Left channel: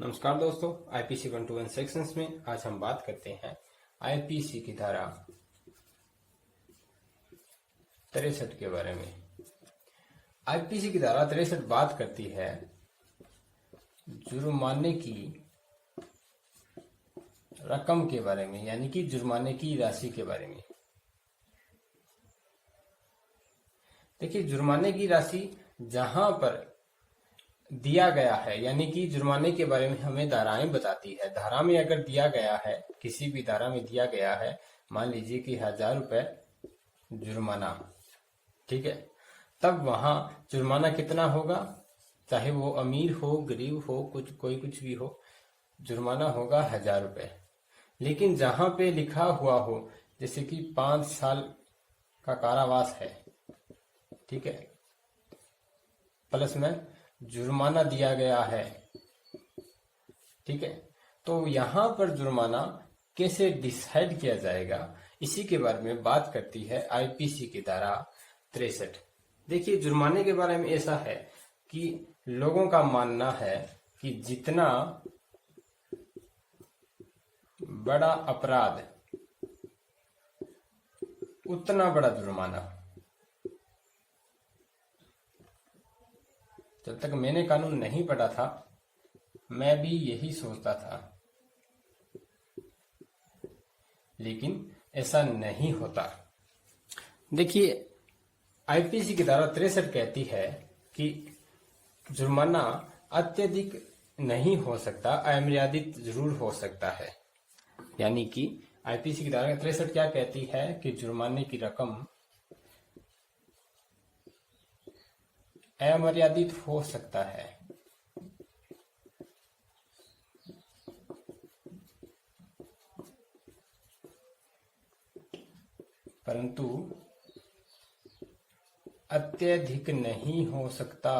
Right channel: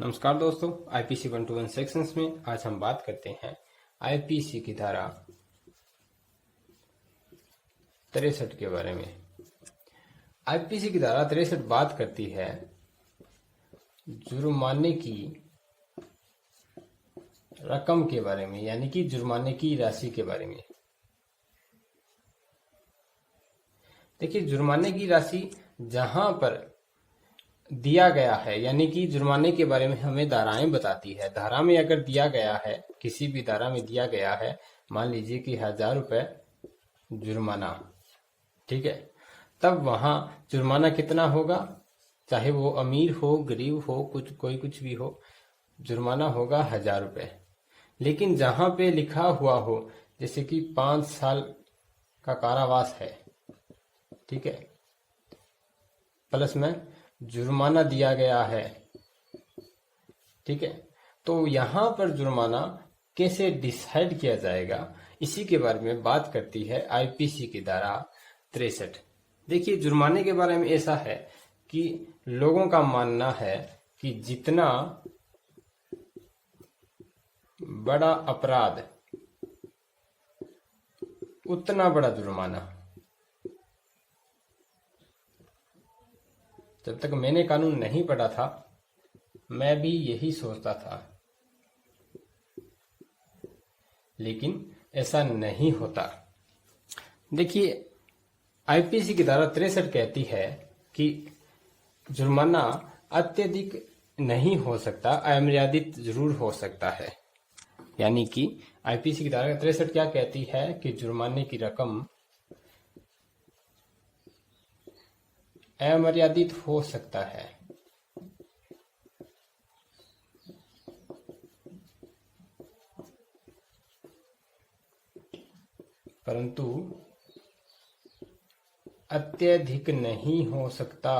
नमस्कार दोस्तों, IPC 121 sections में आज हम बात करते हैं आईपीसी की धारा 63 के बारे में। आईपीसी की धारा 63 बात करती है जुर्माने की रकम के बारे में, यानी कि जुर्माने की राशि के बारे में। देखिए, जुर्माने की राशि जहां पर दिया गया है, यानी कि जुर्माने के बारे में हमें धाराएं बताती है। धारा में अगर दिया गया है, किसी भी धारा में दिया गया है, मान लीजिए कि 1000 रुपए जुर्माना, ठीक है, तब वहां जुर्माना कितना होगा, चाहे वो अमीर हो गरीब हो, कुछ भी हो, जुर्माना होगा 1000 रुपए। लेकिन जहां पे लिखा हुआ हो जैसे कि 5 साल का कारावास है, ठीक है, प्लस में जुर्माना दिया गया है, ठीक है, तो यहां पर जुर्माना कैसे डिसाइड किया जाएगा, इसी के बारे में बात करती है आईपीसी की धारा 63। देखिए, जुर्माने के बारे में ऐसा है कि लोगों का मानना है कि जितना बड़ा अपराध उतना बड़ा जुर्माना। जब तक मैंने कानून नहीं पढ़ा था मैं भी यही सोचता था, लेकिन ऐसा नहीं होता। देखिए, आईपीसी की धारा 63 कहती है कि जुर्माना अत्यधिक नहीं हो सकता, अमर्यादित जरूर हो सकता है। यानी कि आईपीसी की धारा 63 क्या कहती है कि जुर्माने की रकम अमर्यादित हो सकता है, परंतु अत्यधिक नहीं हो सकता।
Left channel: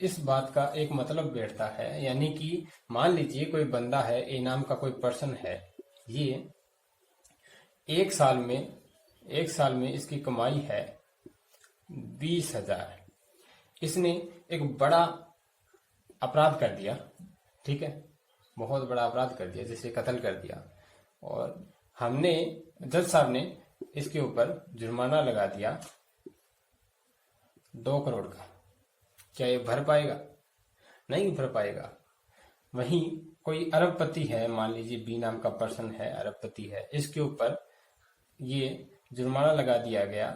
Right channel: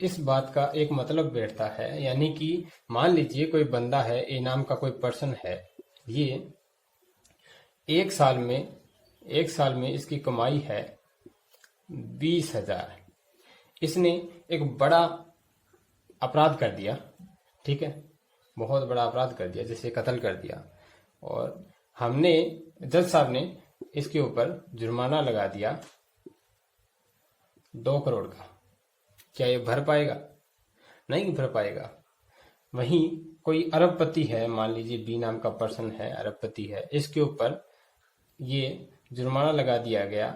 इस बात का एक मतलब बैठता है, यानी कि मान लीजिए कोई बंदा है, ए नाम का कोई पर्सन है, ये एक साल में इसकी कमाई है 20,000। इसने एक बड़ा अपराध कर दिया, ठीक है, बहुत बड़ा अपराध कर दिया, जैसे कत्ल कर दिया, और हमने जज साहब ने इसके ऊपर जुर्माना लगा दिया 2 करोड़ का। क्या ये भर पाएगा? नहीं भर पाएगा। वहीं कोई अरबपति है, मान लीजिए बी नाम का पर्सन है, अरबपति है, इसके ऊपर ये जुर्माना लगा दिया गया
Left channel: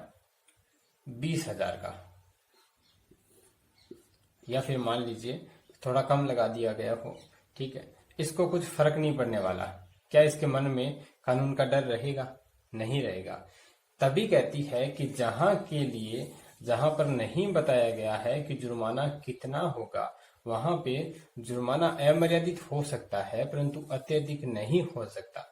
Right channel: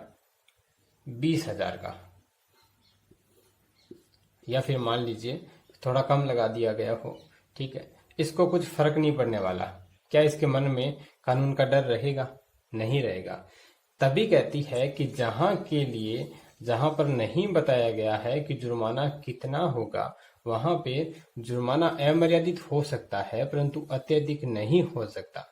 20,000 का, या फिर मान लीजिए थोड़ा कम लगा दिया गया हो, ठीक है, इसको कुछ फर्क नहीं पड़ने वाला। क्या इसके मन में कानून का डर रहेगा? नहीं रहेगा। तभी कहती है कि जहां पर नहीं बताया गया है कि जुर्माना कितना होगा, वहां पे जुर्माना अमर्यादित हो सकता है, परंतु अत्यधिक नहीं हो सकता,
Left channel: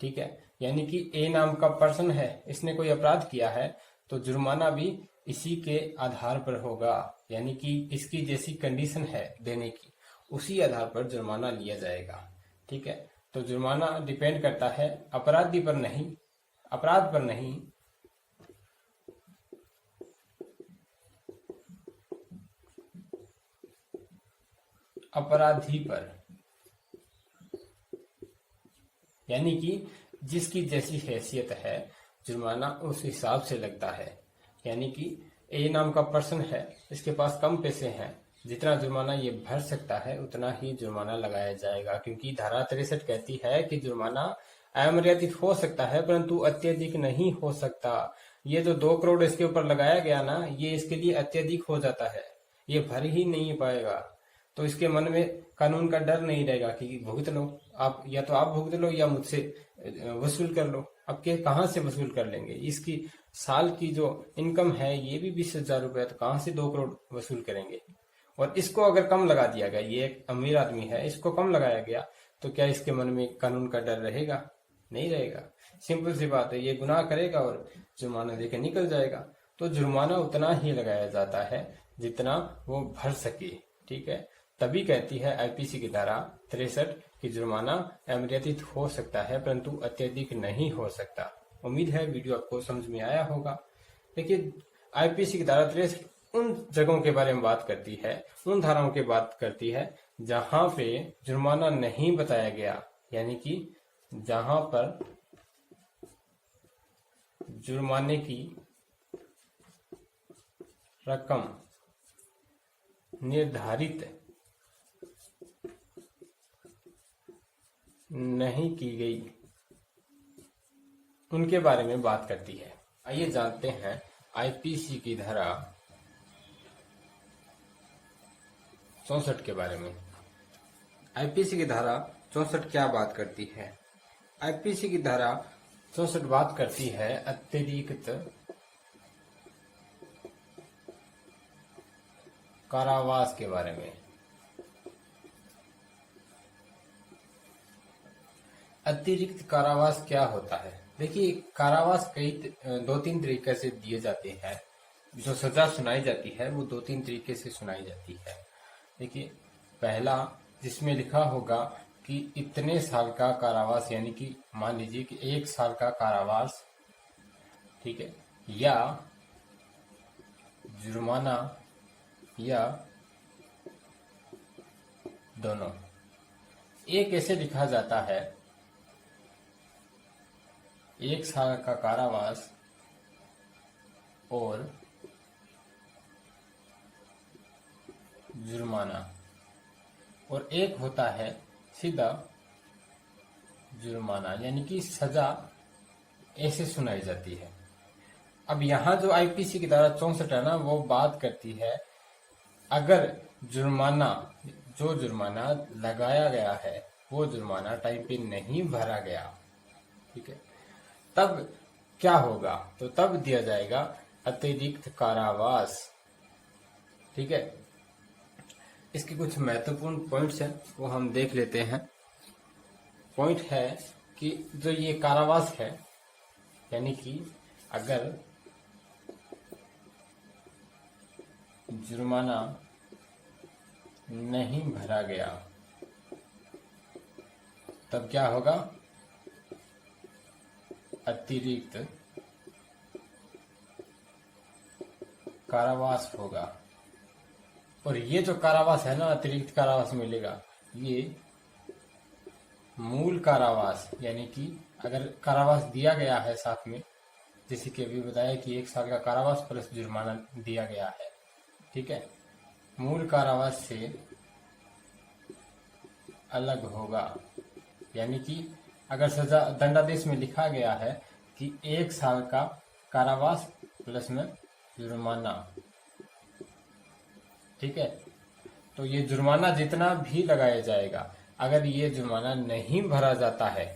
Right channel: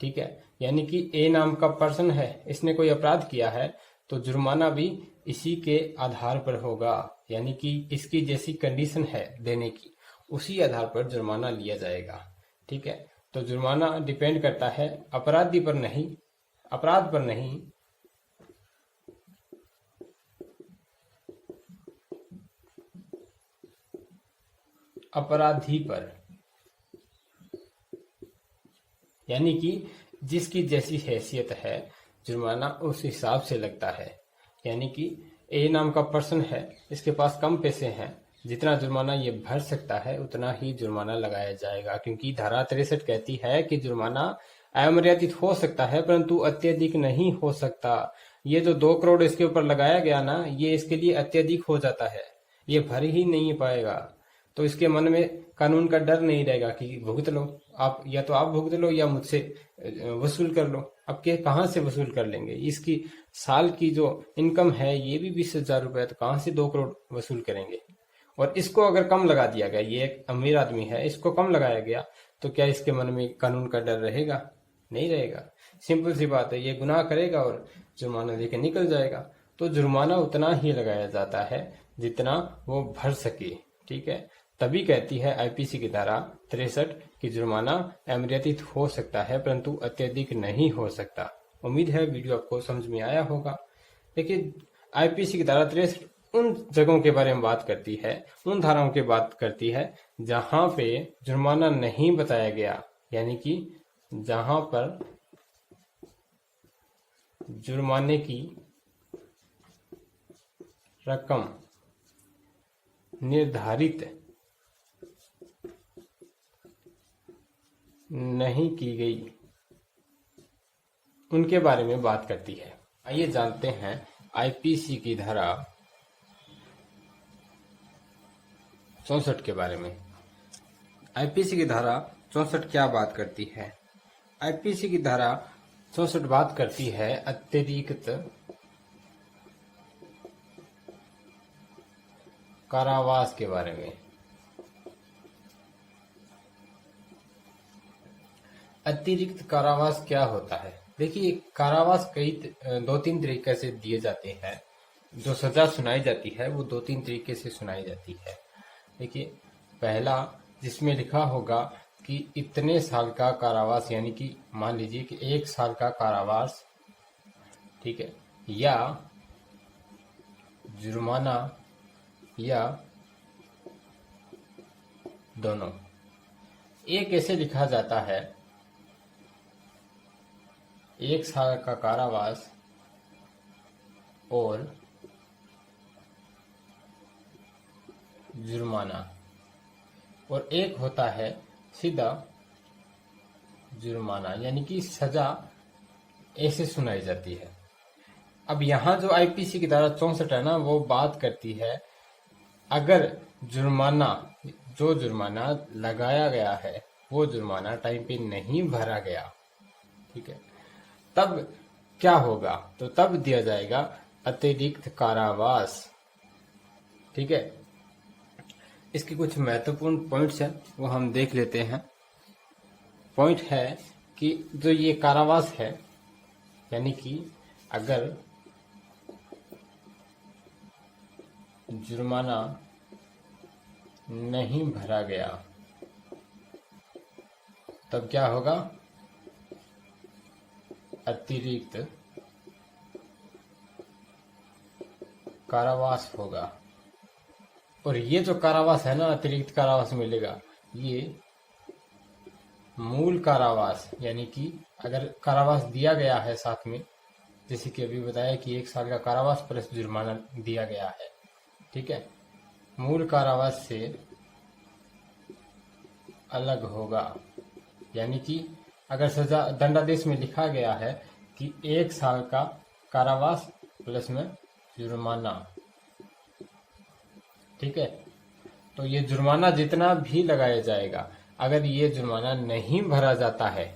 ठीक है। यानी कि ए नाम का पर्सन है, इसने कोई अपराध किया है, तो जुर्माना भी इसी के आधार पर होगा, यानी कि इसकी जैसी कंडीशन है देने की, उसी आधार पर जुर्माना लिया जाएगा, ठीक है। तो जुर्माना डिपेंड करता है अपराधी पर नहीं, अपराध पर नहीं, अपराधी पर, यानी कि जिसकी जैसी हैसियत है जुर्माना उस हिसाब से लगता है। यानी कि ए नाम का पर्सन है, इसके पास कम पैसे हैं, जितना जुर्माना ये भर सकता है उतना ही जुर्माना लगाया जाएगा, क्योंकि धारा 63 कहती है कि जुर्माना अमर्यादित हो सकता है परंतु अत्यधिक नहीं हो सकता। ये जो 2 करोड़ इसके ऊपर लगाया गया ना, ये इसके लिए अत्यधिक हो जाता है, ये भर ही नहीं पाएगा। तो इसके मन में कानून का डर नहीं रहेगा कि भुगत लो आप, या तो आप भुगत लो या मुझसे वसूल कर लो। अब के कहां से वसूल कर लेंगे? इसकी साल की जो इनकम है ये भी 20,000 रुपए, तो कहां से 2 करोड़ वसूल करेंगे? और इसको अगर कम लगा दिया गया, ये एक अमीर आदमी है, इसको कम लगाया गया, तो क्या इसके मन में कानून का डर रहेगा? नहीं रहेगा। सिंपल सी बात है, ये गुनाह करेगा और जुर्माना देके निकल जाएगा। तो जुर्माना उतना ही लगाया जाता है जितना वो भर सके, ठीक है। तभी कहती है आईपीसी की धारा 63 कि जुर्माना अमर्यादित हो सकता है परंतु अत्यधिक नहीं हो सकता। उम्मीद है वीडियो आपको समझ में आया होगा। देखिए, आईपीसी की धारा 63 उन जगहों के बारे में बात करती है, उन धाराओं की बात करती है जहां पे जुर्माना नहीं बताया गया, यानी कि जहां पर जुर्माने की रकम निर्धारित नहीं की गई, उनके बारे में बात करती है। आइए जानते हैं आईपीसी की धारा 64 के बारे में। आईपीसी की धारा 64 क्या बात करती है? आईपीसी की धारा 64 बात करती है अतिरिक्त कारावास के बारे में। अतिरिक्त कारावास क्या होता है? देखिए, कारावास कई 2-3 तरीके से दिए जाते हैं। जो सजा सुनाई जाती है वो 2-3 तरीके से सुनाई जाती है। देखिए, पहला जिसमें लिखा होगा कि इतने साल का कारावास, यानी कि मान लीजिए कि 1 साल का कारावास, ठीक है, या जुर्माना या दोनों। ये कैसे लिखा जाता है? 1 साल का कारावास और जुर्माना, और एक होता है सीधा जुर्माना, यानी कि सजा ऐसे सुनाई जाती है। अब यहाँ जो आईपीसी की धारा 64 है ना, वो बात करती है अगर जुर्माना, जो जुर्माना लगाया गया है वो जुर्माना टाइम पे नहीं भरा गया, ठीक है, तब क्या होगा? तो तब दिया जाएगा अतिरिक्त कारावास, ठीक है। इसके कुछ महत्वपूर्ण पॉइंट्स हैं, वो हम देख लेते हैं। पॉइंट है कि जो ये कारावास है, यानी कि अगर जुर्माना नहीं भरा गया तब क्या होगा? अतिरिक्त कारावास होगा। और ये जो कारावास है ना, अतिरिक्त कारावास मिलेगा, ये मूल कारावास, यानी कि अगर कारावास दिया गया है साथ में, जैसे कि अभी बताया कि 1 साल का कारावास प्लस जुर्माना दिया गया है, ठीक है, मूल कारावास से अलग होगा। यानी कि अगर सजा दंडादेश में लिखा गया है कि 1 साल का कारावास प्लस में जुर्माना, ठीक है, तो ये जुर्माना जितना भी लगाया जाएगा, अगर ये जुर्माना नहीं भरा जाता है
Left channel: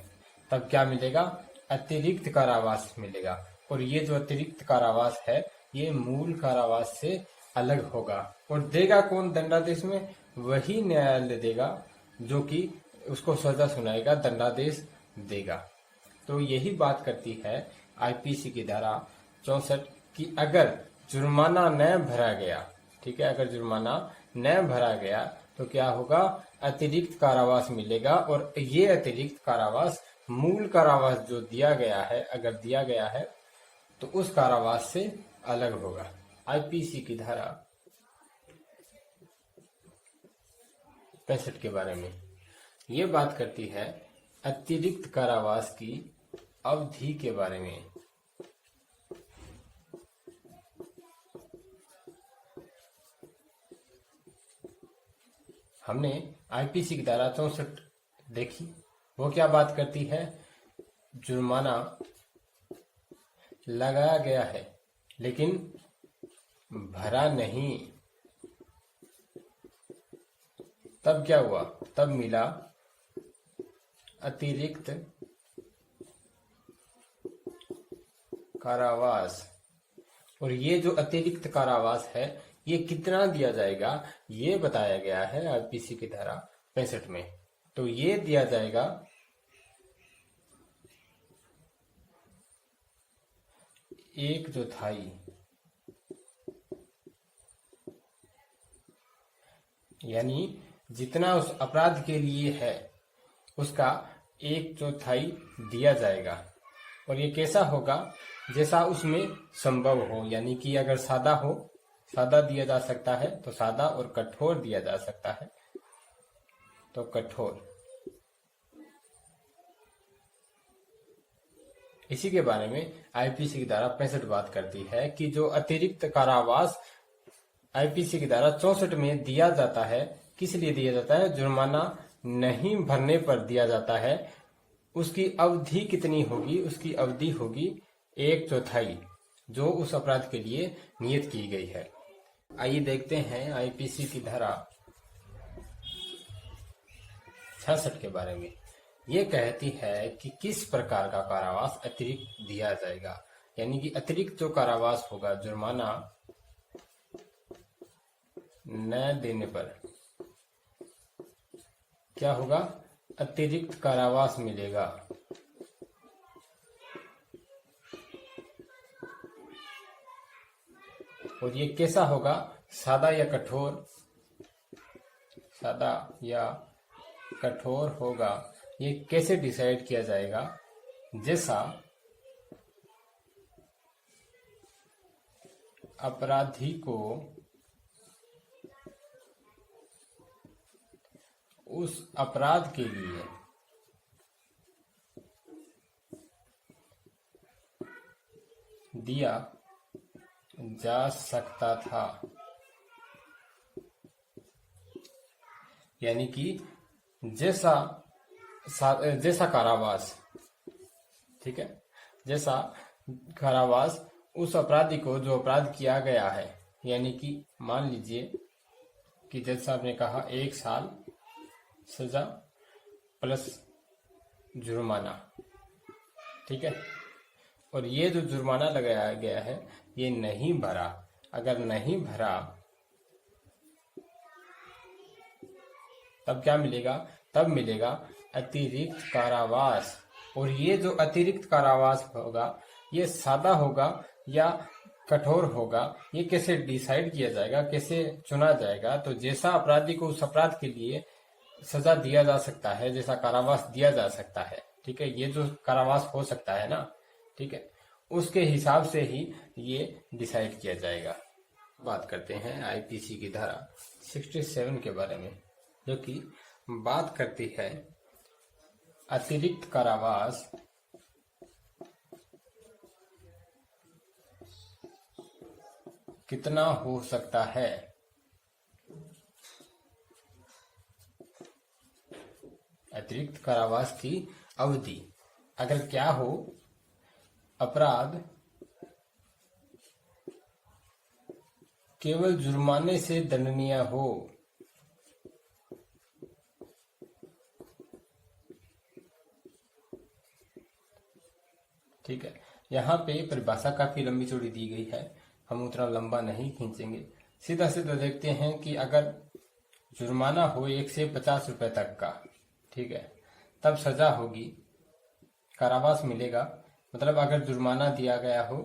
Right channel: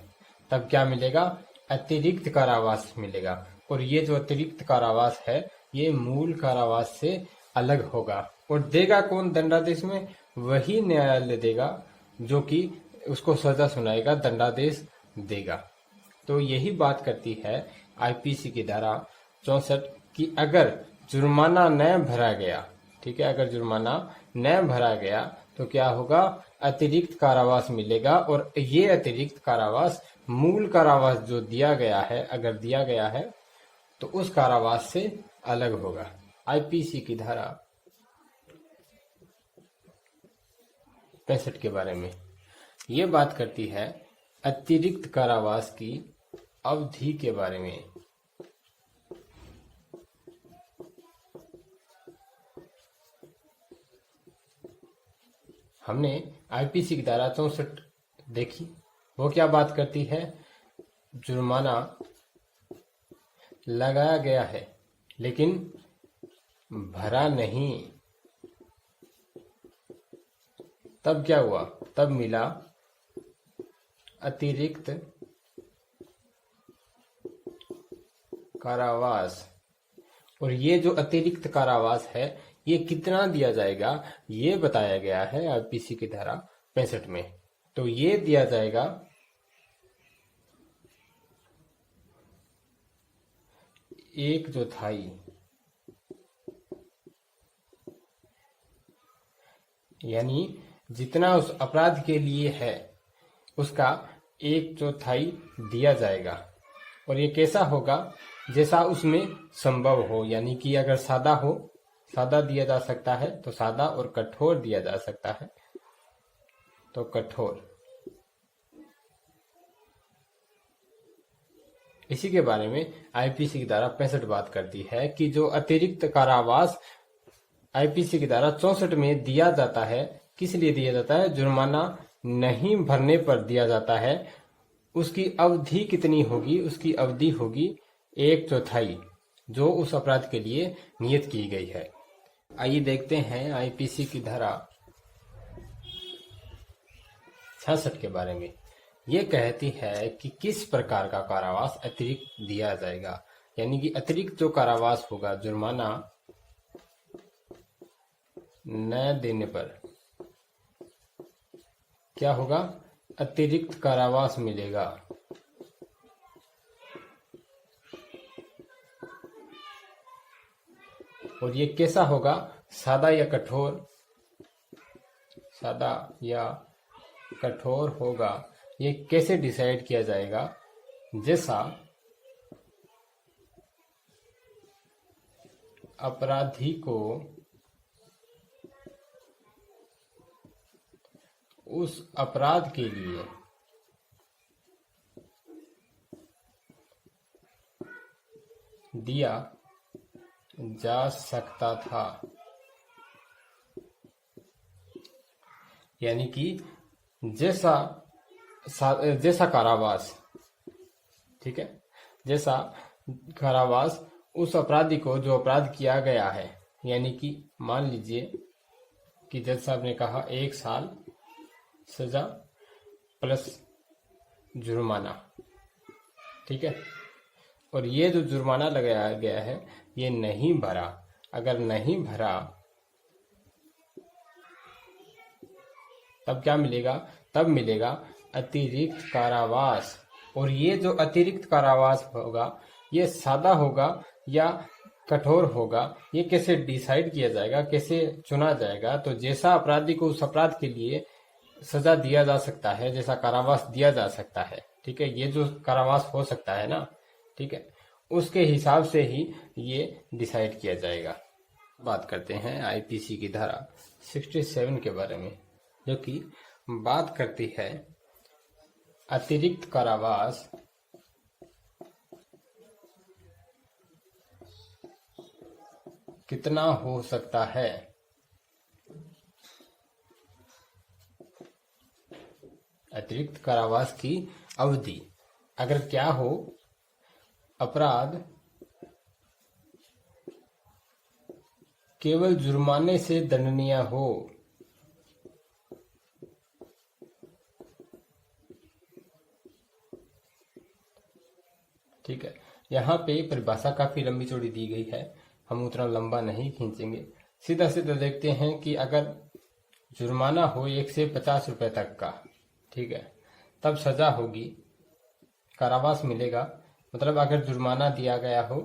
तब क्या मिलेगा? अतिरिक्त कारावास मिलेगा। और ये जो अतिरिक्त कारावास है ये मूल कारावास से अलग होगा। और देगा कौन दंडादेश में? वही न्यायालय देगा जो कि उसको सजा सुनाएगा, दंडादेश देगा। तो यही बात करती है आईपीसी की धारा 64 कि अगर जुर्माना न भरा गया, ठीक है, अगर जुर्माना न भरा गया तो क्या होगा? अतिरिक्त कारावास मिलेगा। और ये अतिरिक्त कारावास मूल कारावास जो दिया गया है, अगर दिया गया है तो उस कारावास से अलग होगा। आईपीसी की धारा 65 के बारे में ये बात करती है अतिरिक्त कारावास की अवधि के बारे में। हमने आईपीसी की धारा 64 देखी, वो क्या बात करती है? जुर्माना लगाया गया है लेकिन भरा नहीं, तब क्या हुआ? तब मिला अतिरिक्त कारावास। और ये जो अतिरिक्त कारावास है ये कितना दिया जाएगा ये बताया गया है आईपीसी की धारा 65 में। तो ये दिया जाएगा 1/4, यानी जितना उस अपराध के लिए है उसका 1/4 दिया जाएगा। और ये कैसा होगा? जैसा उसमें संभव हो, यानी कि अगर सादा हो, सादा दिया जा सकता है तो सादा, और कठोर दिया जा सकता है तो कठोर। इसी के बारे में आईपीसी की धारा 65 बात करती है कि जो अतिरिक्त कारावास आईपीसी की धारा 64 में दिया जाता है, किस लिए दिया जाता है? जुर्माना नहीं भरने पर दिया जाता है। उसकी अवधि कितनी होगी? उसकी अवधि होगी 1/4 जो उस अपराध के लिए नियत की गई है। आइए देखते हैं आईपीसी की धारा 66 के बारे में। ये कहती है कि किस प्रकार का कारावास अतिरिक्त दिया जाएगा, यानी कि अतिरिक्त जो कारावास होगा, जुर्माना न देने पर क्या होगा? अतिरिक्त कारावास मिलेगा। और ये कैसा होगा? सादा या कठोर? सादा या कठोर होगा। ये कैसे डिसाइड किया जाएगा? जैसा अपराधी को उस अपराध के लिए दिया जा सकता था, यानी कि जैसा कारावास, ठीक है, जैसा कारावास उस अपराधी को जो अपराध किया गया है, यानी कि मान लीजिए कि जज साहब ने कहा 1 साल सजा प्लस जुर्माना, ठीक है, और ये जो जुर्माना लगाया गया है ये नहीं भरा। अगर नहीं भरा तब क्या मिलेगा? तब मिलेगा अतिरिक्त कारावास। और ये जो अतिरिक्त कारावास होगा ये सादा होगा या कठोर होगा, ये कैसे डिसाइड किया जाएगा, कैसे चुना जाएगा? तो जैसा अपराधी को उस अपराध के लिए सजा दिया जा सकता है, जैसा कारावास दिया जा सकता है, ठीक है, ये जो कारावास हो सकता है ना, ठीक है, उसके हिसाब से ही ये डिसाइड किया जाएगा। बात करते हैं आईपीसी की धारा 67 के बारे में, जो कि बात करती है अतिरिक्त कारावास कितना हो सकता है। अतिरिक्त कारावास की अवधि अगर क्या हो, अपराध केवल जुर्माने से दंडनीय हो, ठीक है। यहाँ पे परिभाषा काफी लंबी चौड़ी दी गई है, हम उतना लंबा नहीं खींचेंगे, सीधा सीधा देखते हैं कि अगर जुर्माना हो 1 से 50 रुपए तक का, ठीक है, तब सजा होगी, कारावास मिलेगा। मतलब अगर जुर्माना दिया गया हो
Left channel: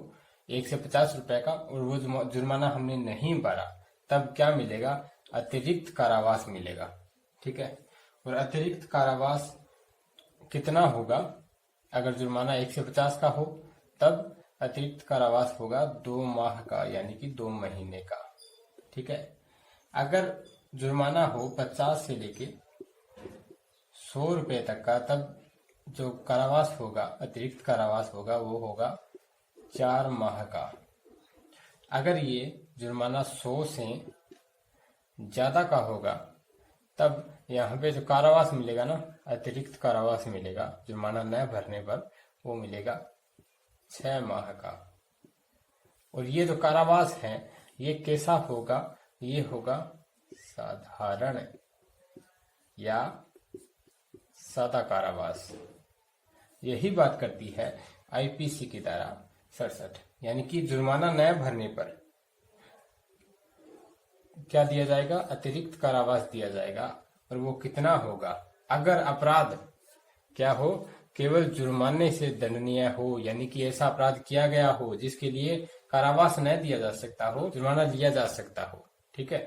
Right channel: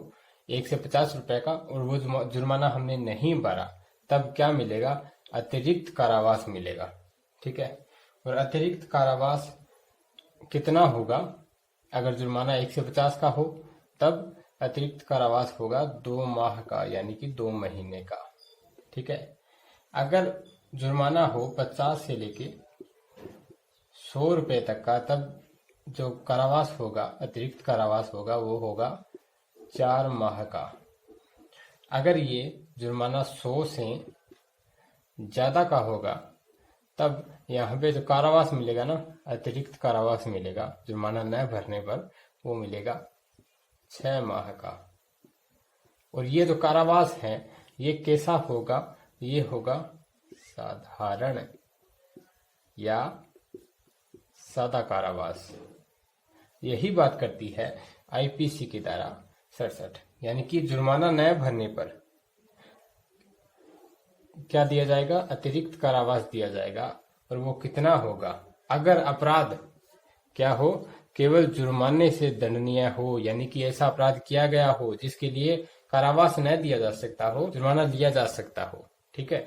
1 से 50 रुपए का और वो जुर्माना हमने नहीं भरा, तब क्या मिलेगा? अतिरिक्त कारावास मिलेगा, ठीक है। और अतिरिक्त कारावास कितना होगा? अगर जुर्माना 1 से 50 का हो तब अतिरिक्त कारावास होगा 2 माह का, यानी कि 2 महीने का, ठीक है। अगर जुर्माना हो 50 से लेके 100 रुपए तक का, तब जो कारावास होगा, अतिरिक्त कारावास होगा, वो होगा 4 माह का। अगर ये जुर्माना 100 से ज्यादा का होगा, तब यहाँ पे जो कारावास मिलेगा ना, अतिरिक्त कारावास मिलेगा जुर्माना न भरने पर, वो मिलेगा 6 माह का। और ये जो कारावास है ये कैसा होगा? ये होगा साधारण या सादा कारावास। यही बात करती है आईपीसी की धारा 67, यानी कि जुर्माना न भरने पर क्या दिया जाएगा? अतिरिक्त कारावास दिया जाएगा। और वो कितना होगा? अगर अपराध क्या हो? केवल जुर्माने से दंडनीय हो, यानी कि ऐसा अपराध किया गया हो जिसके लिए कारावास न दिया जा सकता हो, जुर्माना लिया जा सकता हो, ठीक है।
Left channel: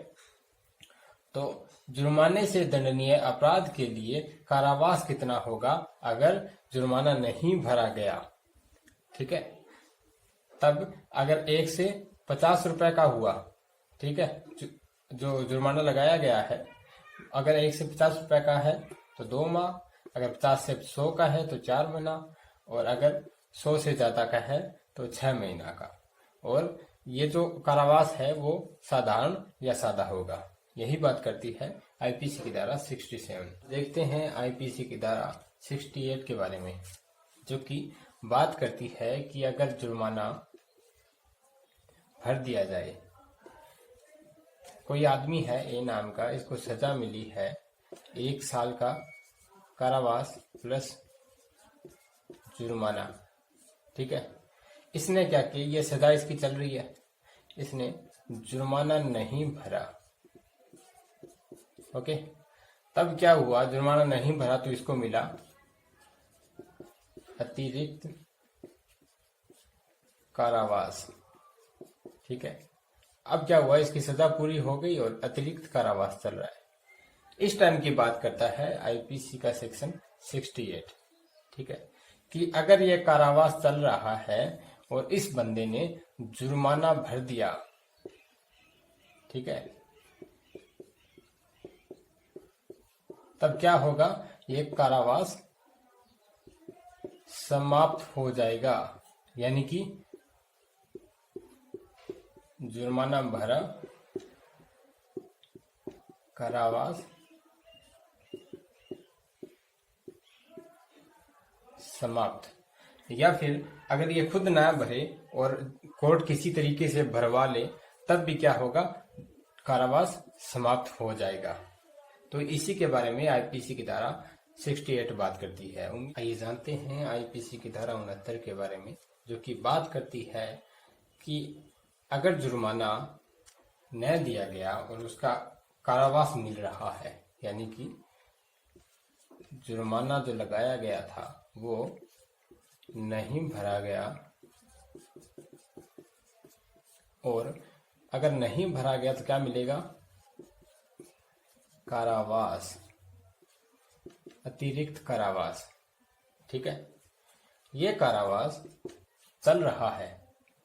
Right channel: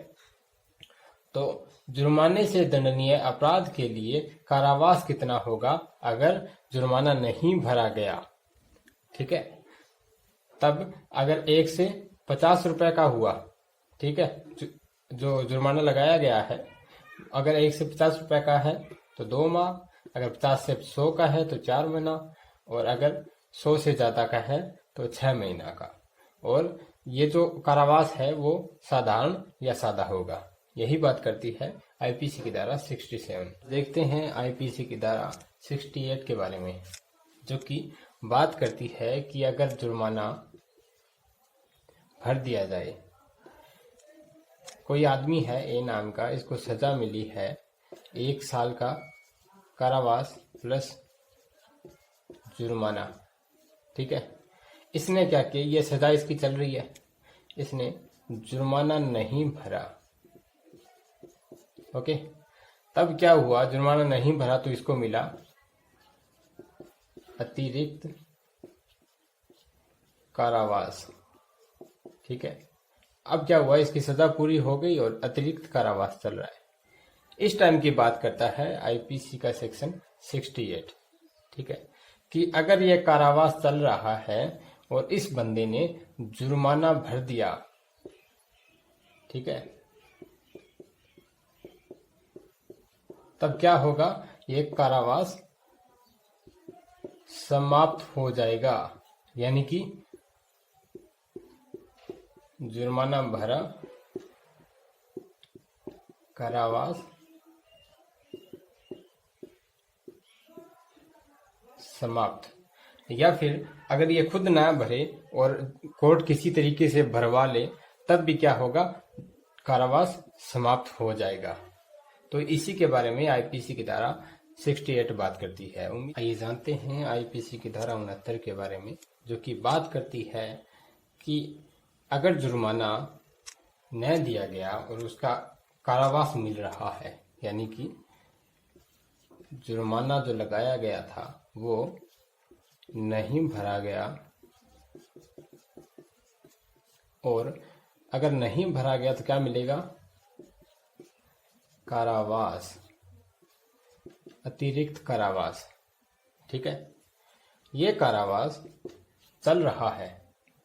तो जुर्माने से दंडनीय अपराध के लिए कारावास कितना होगा अगर जुर्माना नहीं भरा गया, ठीक है। तब अगर 1 से 50 रुपए का हुआ, ठीक है, जो जुर्माना लगाया गया है, अगर 1 से 50 रुपए का है तो 2 माह, अगर 50 से 100 का है तो 4 महीना, और अगर 100 से ज्यादा का है तो 6 महीना का। और ये जो कारावास है वो साधारण या सादा होगा। यही बात करती है आईपीसी की धारा 67। देखते हैं आईपीसी की धारा 68 के बारे में, जो कि बात करती है कि अगर जुर्माना भर दिया जाए, कोई आदमी है ए नाम का, इसको सजा मिली है 1 साल का कारावास प्लस जुर्माना, ठीक है। इसने क्या किया, ये सजा इसकी चल रही है, इसने जुर्माना नहीं भरा, ओके। तब क्या हुआ, जुर्माना नहीं भरा तो इसको मिला अतिरिक्त कारावास, ठीक है। अब क्या हुआ, इसकी सजा पूरी हो गई और अतिरिक्त कारावास चल रहा है। इस टाइम की बात करता है आईपीसी का सेक्शन 68, ठीक है, कि अगर ये कारावास चल रहा है और इस बंदे ने जुर्माना भर दिया, ठीक है, तब क्या होगा, ये कारावास समाप्त हो जाएगा। यानी कि जुर्माना भरा, कारावास समाप्त। या फिर अगर ये खुद ना भरे और कोर्ट किसी तरीके से भरवा ले, तब भी क्या होगा, कारावास समाप्त हो जाएगा। तो इसी के बारे में आईपीसी की धारा 68 बात करती है। आइए जानते हैं आईपीसी की धारा 69 के बारे में, जो कि बात करती है कि अगर जुर्माना न दिया गया और उसका कारावास मिल रहा है, यानी कि जुर्माना जो लगाया गया था वो नहीं भरा गया, और अगर नहीं भरा गया तो क्या मिलेगा, कारावास, अतिरिक्त कारावास, ठीक है। ये कारावास चल रहा है,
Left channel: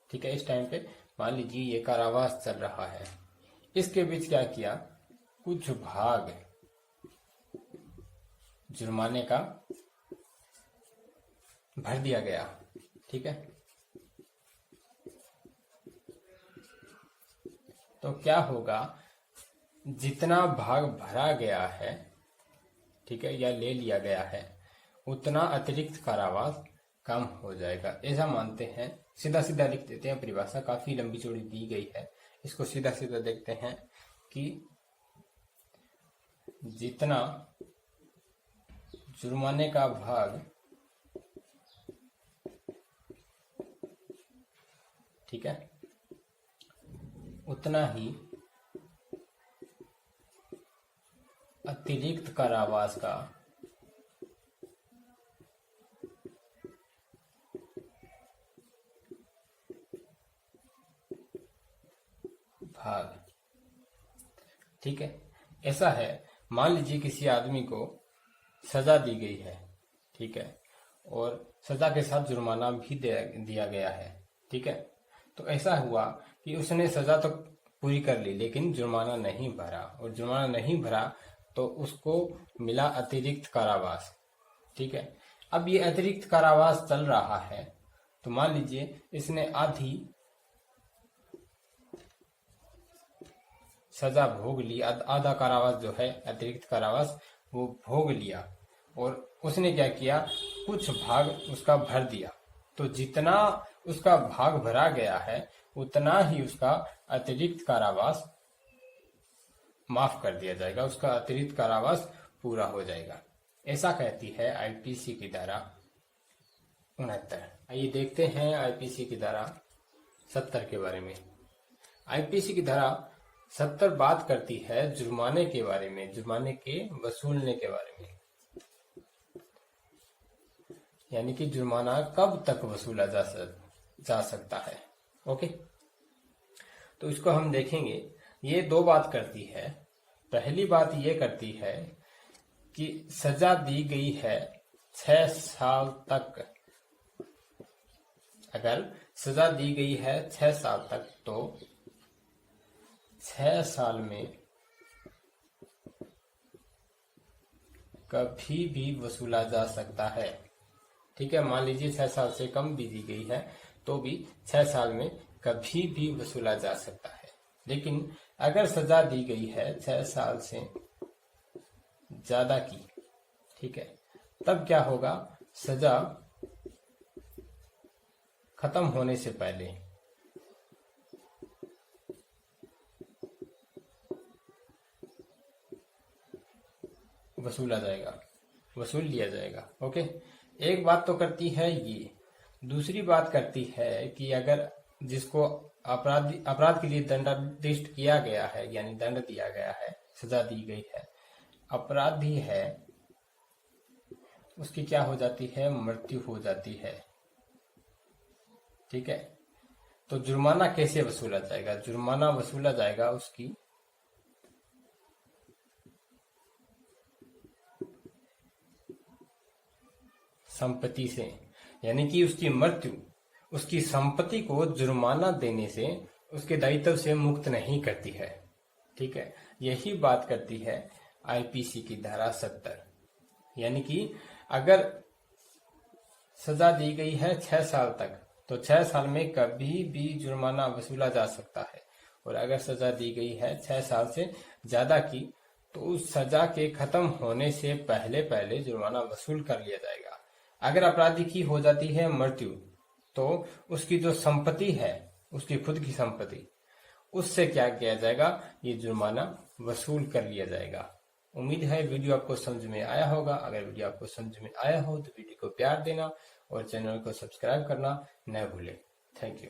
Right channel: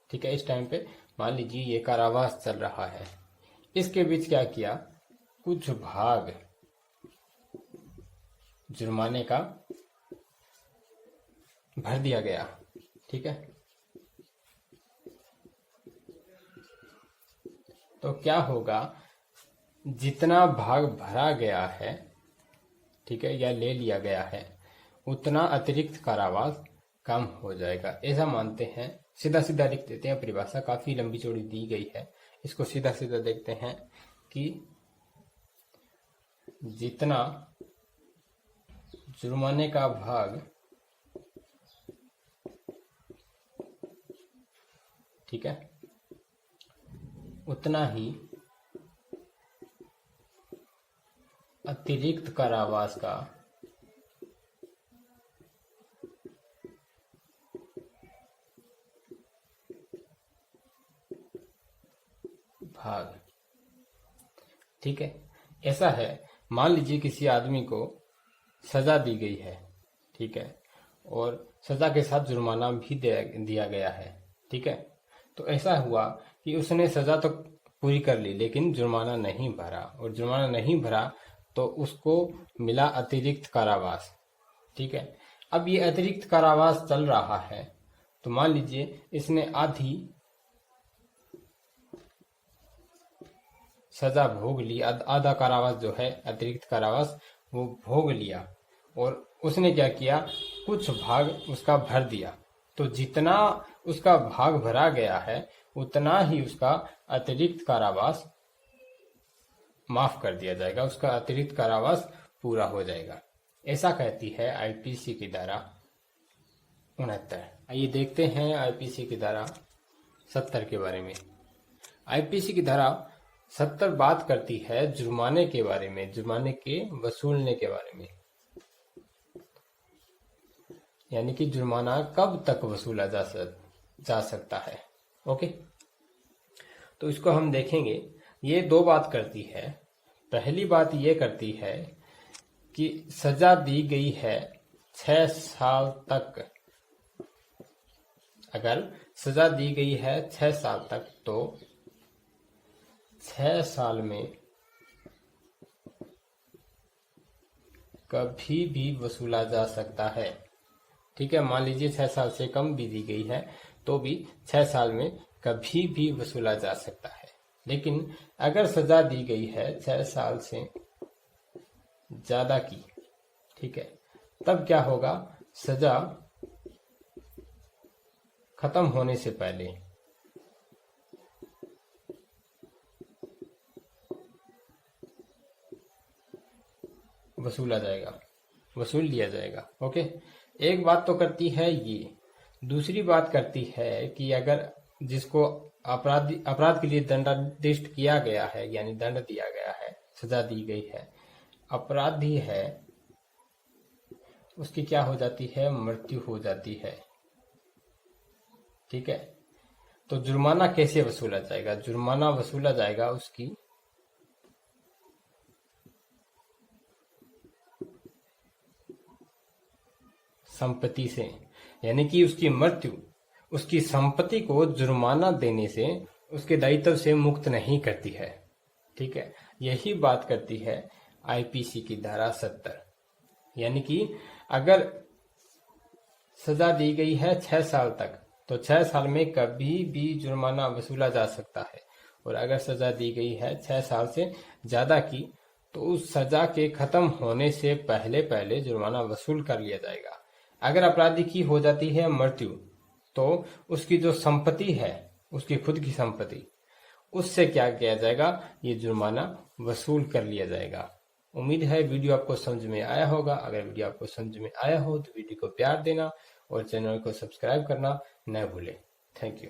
ठीक है। इस टाइम पे मान लीजिए ये कारावास चल रहा है, इसके बीच क्या किया, कुछ भाग जुर्माने का भर दिया गया, ठीक है। तो क्या होगा, जितना भाग भरा गया है, ठीक है, या ले लिया गया है, उतना अतिरिक्त कारावास कम हो जाएगा, ऐसा मानते हैं। सीधा सीधा लिख देते हैं, परिभाषा काफी लंबी चौड़ी दी गई है, इसको सीधा सीधा देखते हैं कि जितना जुर्माने का भाग, ठीक है, उतना ही अतिरिक्त कारावास का भाग, ठीक है। ऐसा है, मान लीजिए किसी आदमी को सजा दी गई है, ठीक है, और सजा के साथ जुर्माना भी दिया गया है, ठीक है। तो ऐसा हुआ कि उसने सजा तो पूरी कर ली लेकिन जुर्माना नहीं भरा, और जुर्माना नहीं भरा तो उसको मिला अतिरिक्त कारावास, ठीक है। अब ये अतिरिक्त कारावास चल रहा है, तो मान लीजिए इसने आधी सजा भोग ली, आधा कारावास जो है अतिरिक्त कारावास वो भोग लिया, और उसने क्या किया, कुछ भाग उसका भर दिया। तो जितना उसका भाग भरा गया है उतना ही उसका अतिरिक्त कारावास माफ कर दिया जाएगा, उसका अतिरिक्त कारावास पूरा हो जाएगा, ऐसा कहती है आईपीसी की धारा 69। आइए देखते हैं आईपीसी की धारा 70 के बारे में। आईपीसी की धारा 70 बात करती है जुर्माने के बारे में, जुर्माने के वसूलने के बारे में, यानी कि जुर्माना कब तक वसूला जा सकता है, ओके। तो इसको हम देखेंगे। ये दो बात करती है। पहली बात ये करती है कि सजा दी गई है 6 साल तक, अगर सजा दी गई है 6 साल तक तो 6 साल में कभी भी वसूला जा सकता है। ठीक है, मान लीजिए 6 साल से कम भी दी गई है तो भी 6 साल में कभी भी वसूला जा सकता है। लेकिन अगर सजा दी गई है 6 साल से ज्यादा की, ठीक है, तब क्या होगा, सजा खत्म होने से पहले वसूल लिया जाएगा। ओके, एक बात तो करती है ये। दूसरी बात करती है कि अगर जिसको अपराध के लिए दंडादेश किया गया है, यानी दंड दिया गया है, सजा दी गई है, अपराधी है, उसकी क्या हो जाती है, मृत्यु हो जाती है। ठीक है, तो जुर्माना कैसे वसूला जाएगा? जुर्माना वसूला जाएगा उसकी संपत्ति से, यानी कि उसकी मृत्यु उसकी संपत्ति को जुर्माना देने से उसके दायित्व से मुक्त नहीं करती है। ठीक है, यही बात करती है आईपीसी की धारा 70। यानी कि अगर सजा दी गई है 6 साल तक तो 6 साल में कभी भी जुर्माना वसूला जा सकता है, और अगर सजा दी गई है 6 साल से ज्यादा की तो उस सजा के खत्म होने से पहले पहले जुर्माना वसूल कर लिया जाएगा। अगर अपराधी की हो जाती है मृत्यु तो उसकी जो संपत्ति है, उसकी खुद की संपत्ति, उससे क्या किया जाएगा, ये जुर्माना वसूल कर लिया जाएगा। उम्मीद है वीडियो आपको समझ में आया होगा। अगर वीडियो आपको समझ में आया हो तो वीडियो को प्यार देना और चैनल को सब्सक्राइब करना न भूलें। Thank you.